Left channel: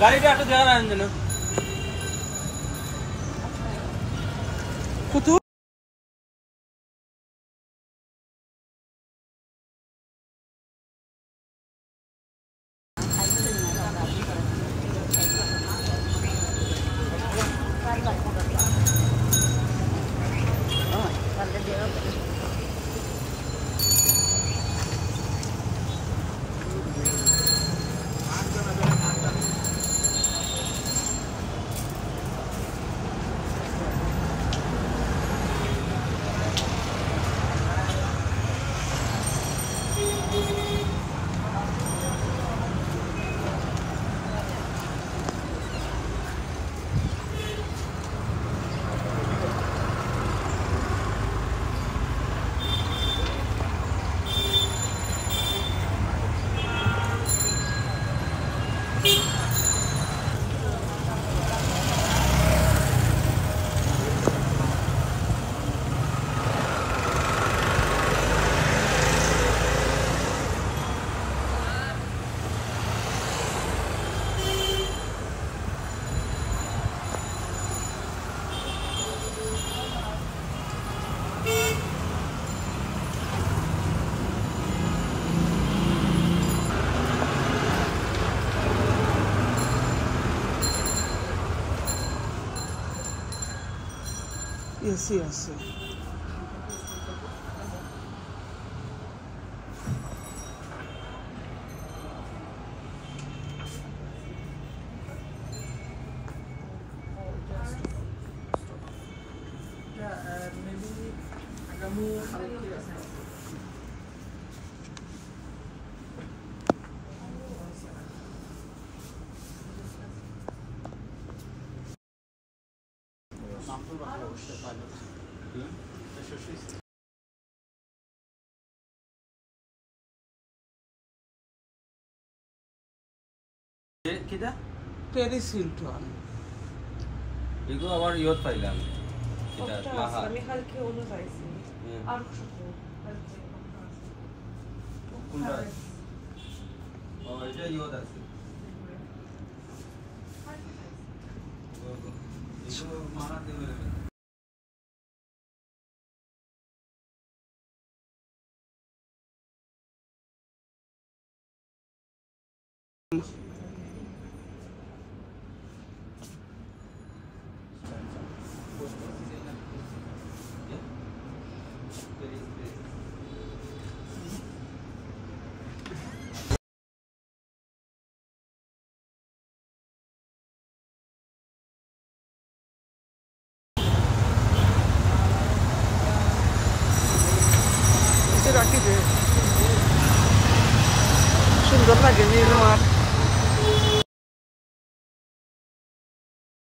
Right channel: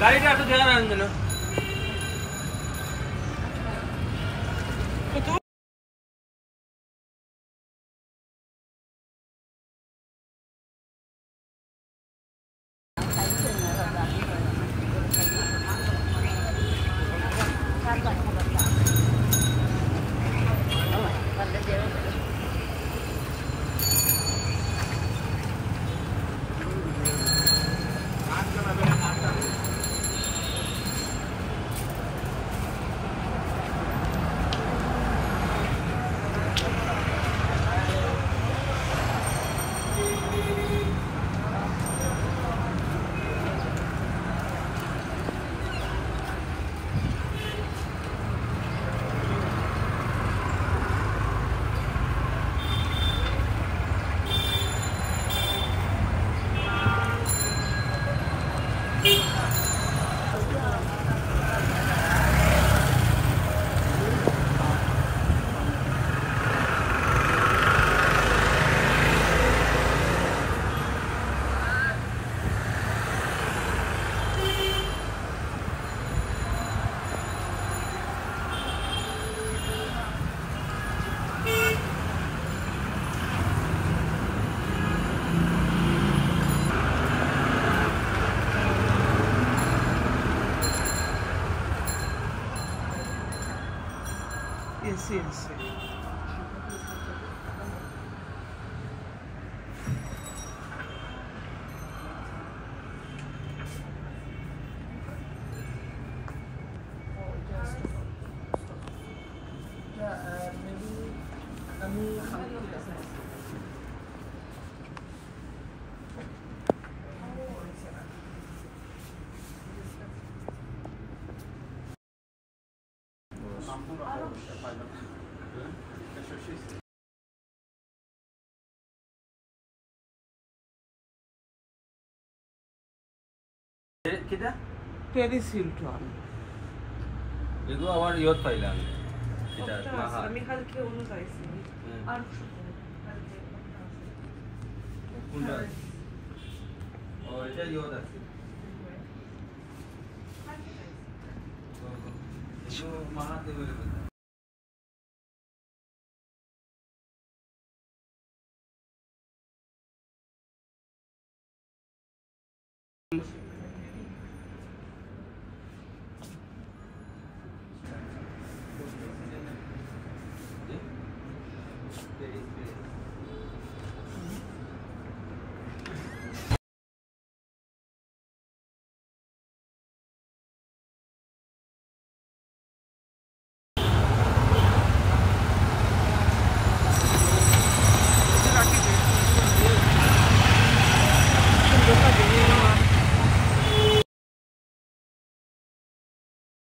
গাড়িটা একটু ধ্যান আনবেন কত এসি আছে কিটা প্যারিস হিলটন এগুলো আবার ইয়ত পাইলাম এটা মাহা আমি কালকে ওনো পাইছি আর কোনটা ও এটা ইয়ত আছে এগুলো মাহা দেবে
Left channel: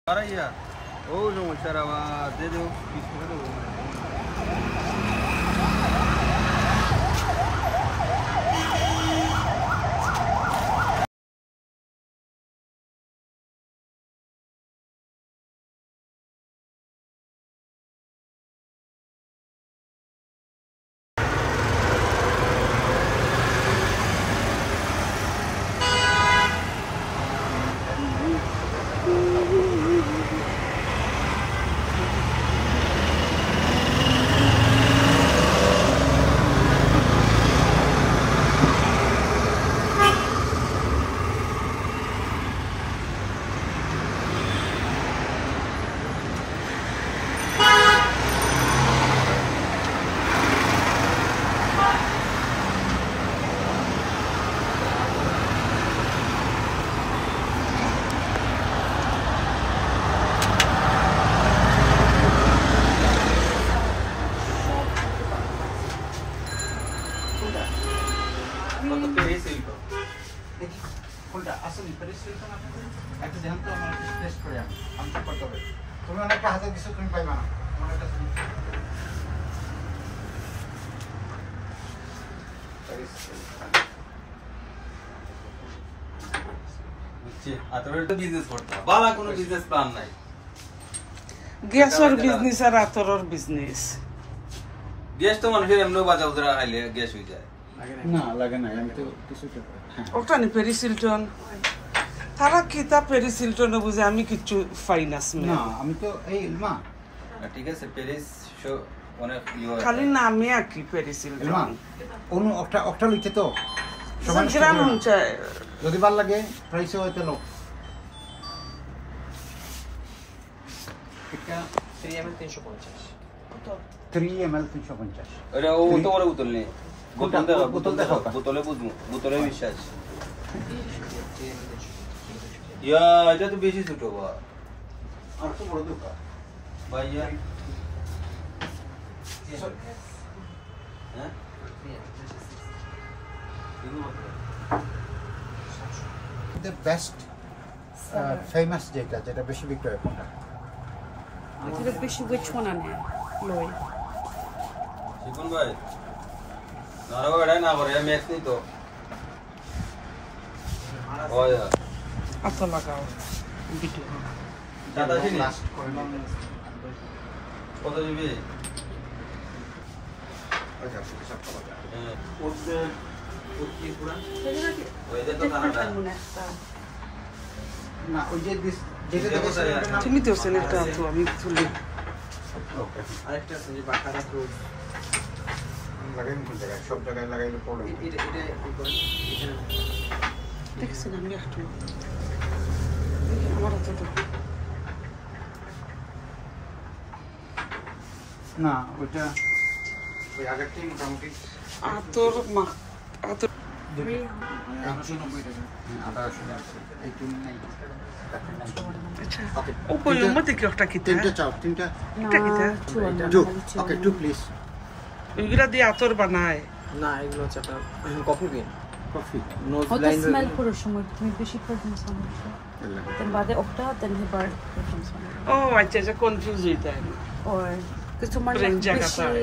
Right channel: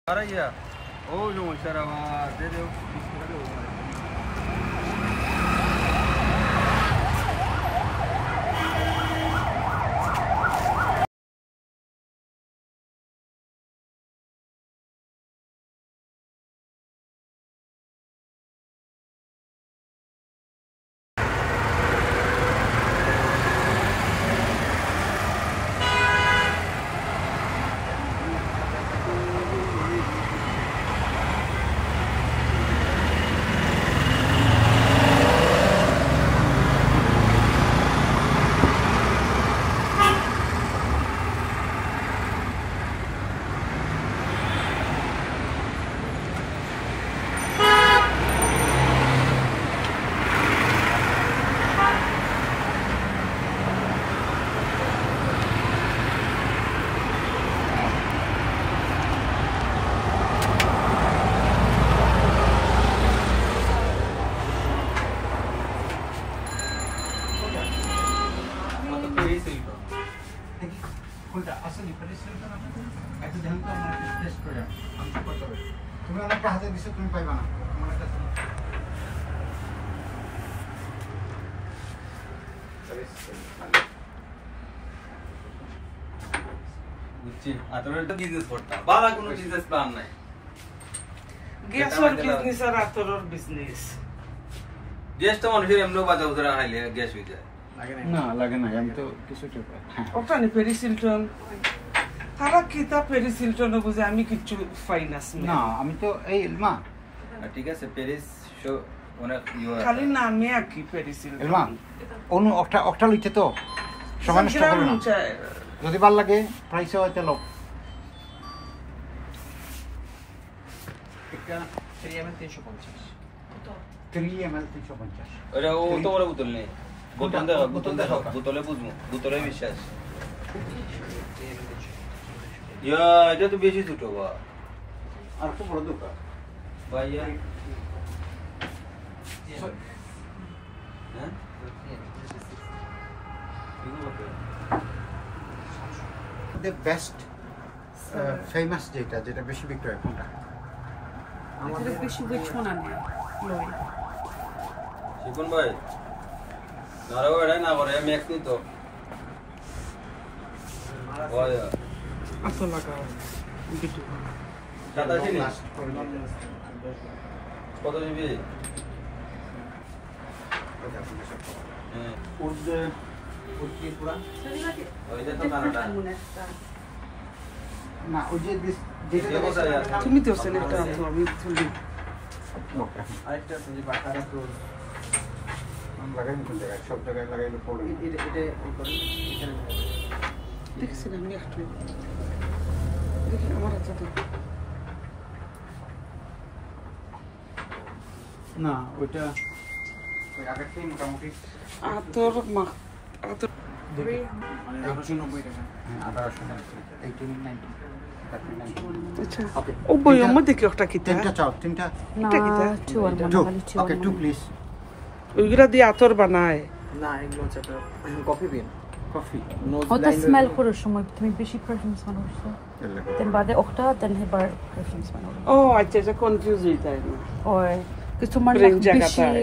Araya. Oh, yung sarama dito. গ্যাসের বিজনেস আর আতরের বিজনেস গ্যাস তো মানুষের এমনি বাজা উদরা খাইলে গ্যাস হয়ে যায় না লাগে না আমি তো কিছু ওটা নি প্যারিস হিলটন তারা কিতা পেরিসিলটন বুঝে আমি কিচ্ছু পাই না স্মেল না আমি তো এই মা ঠিক আছে প্যারিস শো অনেক খালি নামে আর কি মা পেরিসিলটন অনু অকটা লিখছে তো সমান গ্রাম চাই যদি ভাল লাগে প্রাইসে হয়তো লোক একটা 3 ml 350 3 ml 350 আরে ও তো বড় বোতল নেই বোতল দেখো বোতলে বুঝবো বোতলে বিশ্বাস ইয়া এটা তো বেশি ছোট বা আর তো বড় দোকান ভাইয়া হ্যাঁ the best famous যেটা বেশি বিক্রয় হয় এটা বেশি which one আনে লই শিবন ভাই নারওয়াড়ে না করে ম্যাক্স নি তো ওই আতো লাগাও বিটু দাদা চিনি লাস্ট করলাম কত দিবি আচ্ছা ঠিক আছে সব ওই যে তো কানাডা না ওই যে যেটা দেখেছে তুমি তো সেনেটা আতো আমি তুলি ওকে আরেকটা আছে যে বাটার ফ্রুট লাগাইন কোন জায়গায় সব জায়গায় লাগাইলে প্রবলেম এটা এই করে এখানে দেখছেন আমি একটু দেখি আমার হাতে তো না ওইটা ওই আগেরটাই মোটামুটি আতর মা আতর 1890 টাকা আদা আসলে এই তিন নাই আচ্ছা ও বইয়ের মধ্যে কি একটা কিতা তিনটা চাও তিনটা এটা কিতা টু ওকে টু প্লিজ ওইগুলা দিয়ে আতর বানায় না এগুলো হচ্ছে আপনার কফি বিন কফি নোজ হয়তো ব্লাইন্ড স্মেল করার সময় তুমি বেশি প্রেফারেন্স আনো দেন বাদে অফটা দেন হেবার প্রেফারেন্স ও আচ্ছা আচ্ছা কনফিউজ হইতা ওর কিছু মানে Brain জায়গাটায়।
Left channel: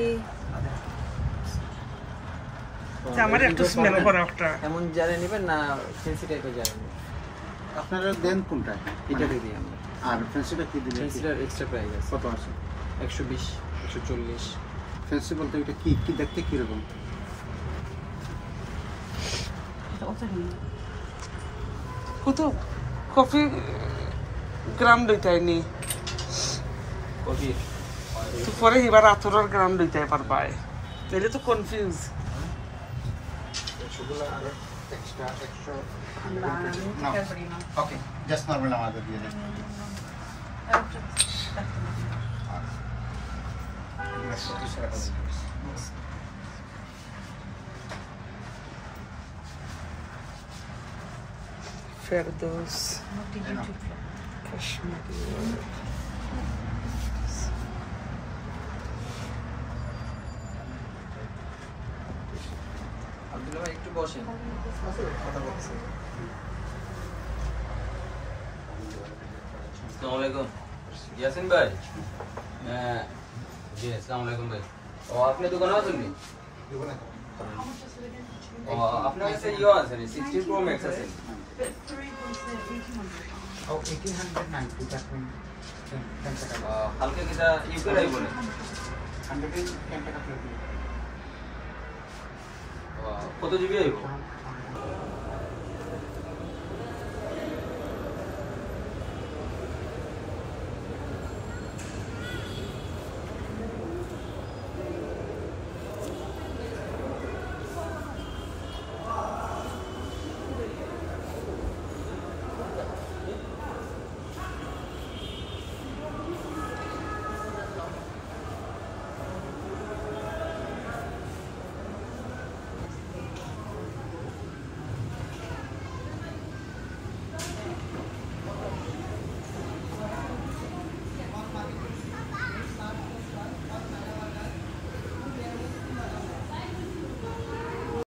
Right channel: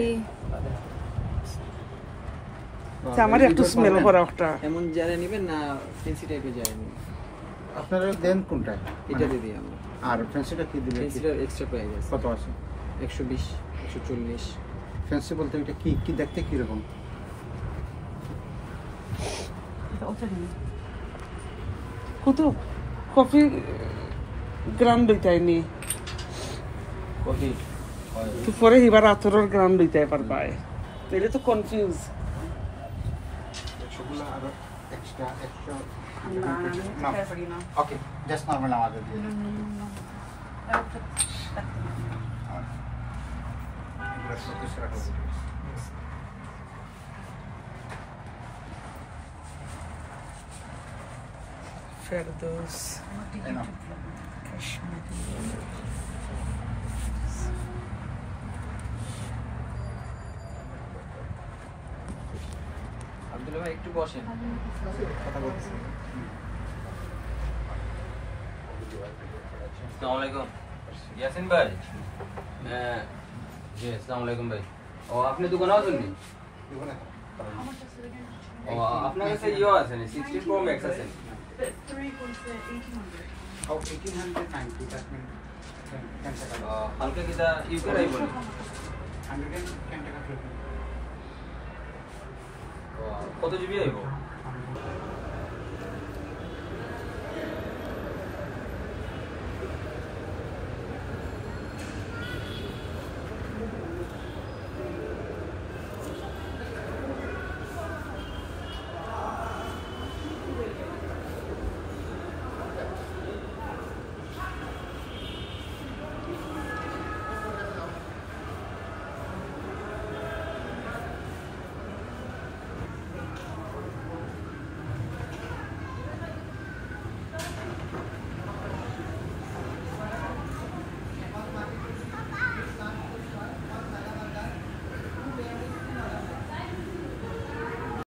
আচ্ছা আমার একটু স্মেল করা একটা এমন জারে নেবেন না ফেন্সি টাইপের জারে নেবেন আপনারা দেন কোনটা এটা দিয়ে দিই আর ফ্যান্সিটা কি দিবেন ফেন্সিটার এক্সট্রা প্রাইস আছে কত আছে 120 140 ফ্যান্সি বলতে এটা কি কি দেখতে কি রকম এটা ওটা নেই কত কফি গ্রাম লইতাই নি কফি তো পরে এবার আতরের গ্রাম লইতাই পারবাই তাহলে তো confuse extra okay just normal আমাদের দিয়ে দেন ফেরদৌস কাশ্মীরি আব্দুল্লাহ ভাই একটু বসেন কথা বলতেছি আসসালামু আলাইকুম ইয়াসিন ভাই হ্যাঁ জি আসসালামু আলাইকুম ভাই ও আপনি দোকানে আছেন নি ও আপনার কাছে ইও আছে নি 16 প্রো ম্যাক্স আছে ও 1890 টাকা হালকা কিটা ইউকে বলে 110 টাকা প্লেট কত জিবি আইবো